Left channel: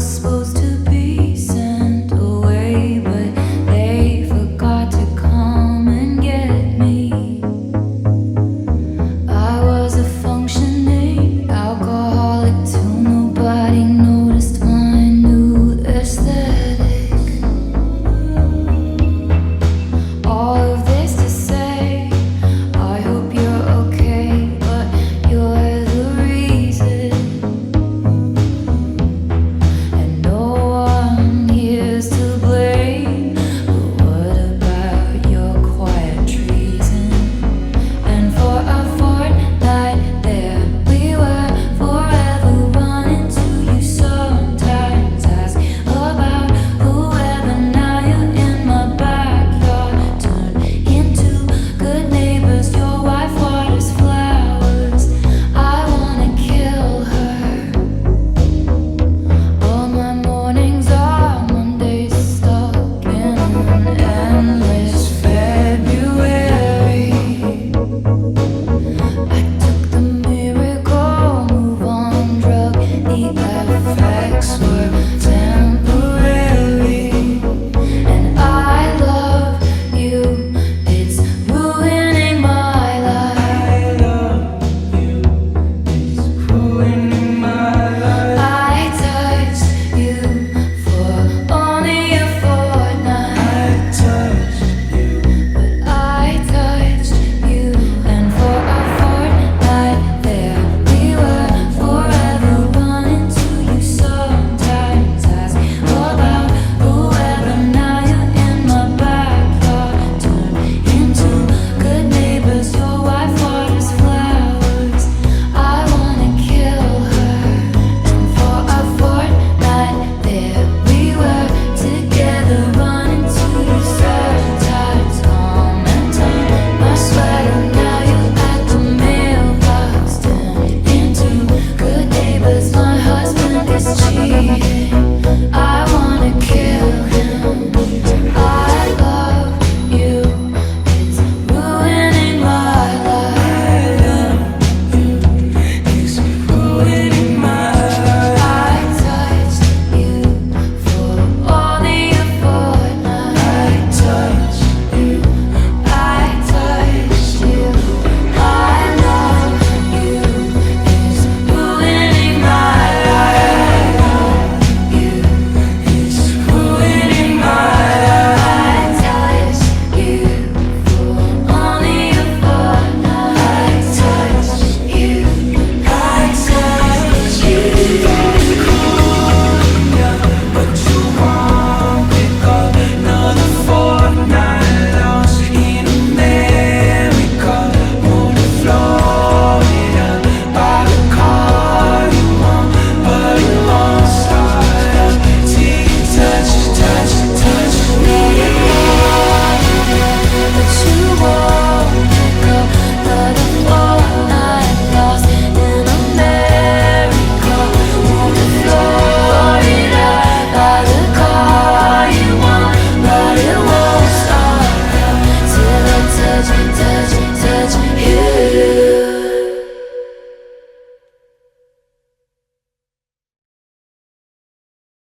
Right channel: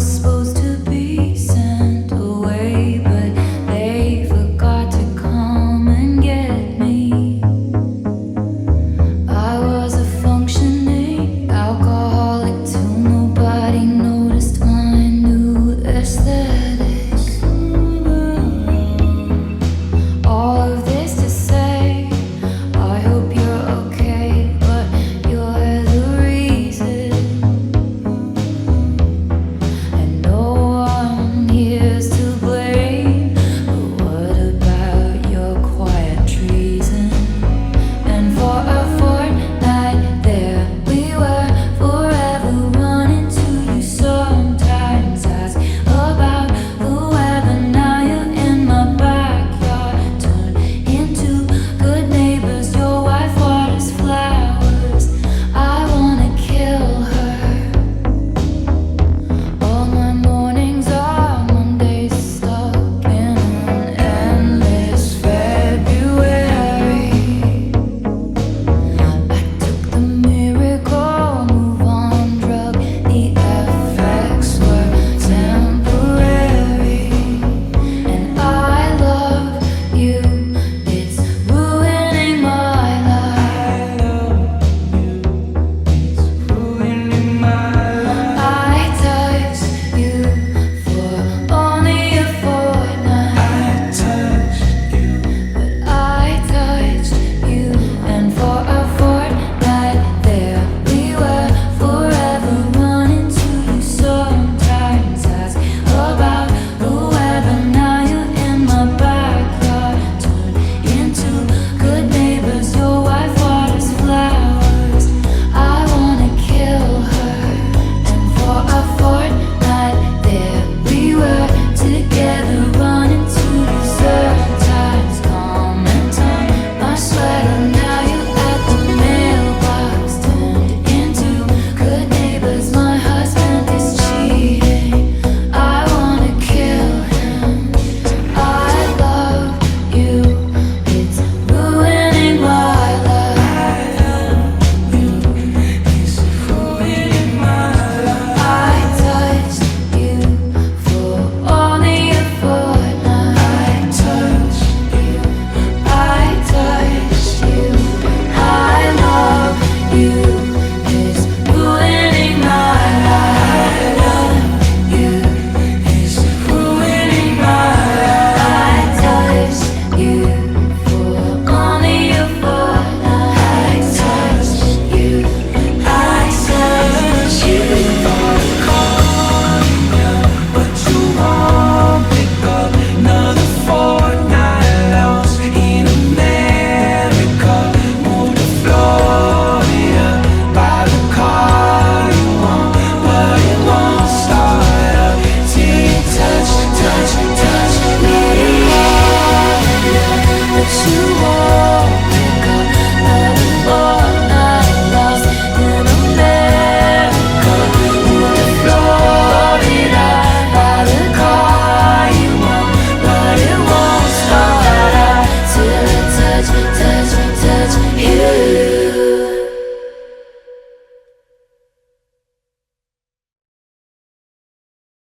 was supposed to be sent away, but they forgot to come and get me. I was a functioning alcoholic till nobody noticed my new aesthetic. All of this to say, I hope you're okay, but you're the reason. And no one here's to blame, but what about your quiet treason? And for a fortnight there we were, forever running to you. Sometimes ask about the weather, now you're in my backyard. Turn into good neighbors, your wife waters flowers. I wanna kill her. All my mornings are Mondays stuck in an endless February. I took the miracle move on drug, the effects were temporary. And I love you, it's ruining my life. I touched you for only a fortnight, but I touched you, and for a fortnight there we were, forever running to you. Sometimes ask about the weather, now you're in my backyard. Turn into good neighbors, your wife waters flowers. I wanna kill her. And for a fortnight there we were, together running to you. Sometimes calm and time my sweater, now you're at the mailbox. Turned into good neighbors, my husband is cheating. I wanna kill him. I love you, it's ruining my life. I touched you for only a fortnight. I touched you. I love you, it's ruining my life. I touched you for only a fortnight. I touched you. I touched you. But you won't pick up another fortnight lost in America. Moved to Florida, buy the car you want, but it won't start up till you touch, touch, touch. Let it go, but you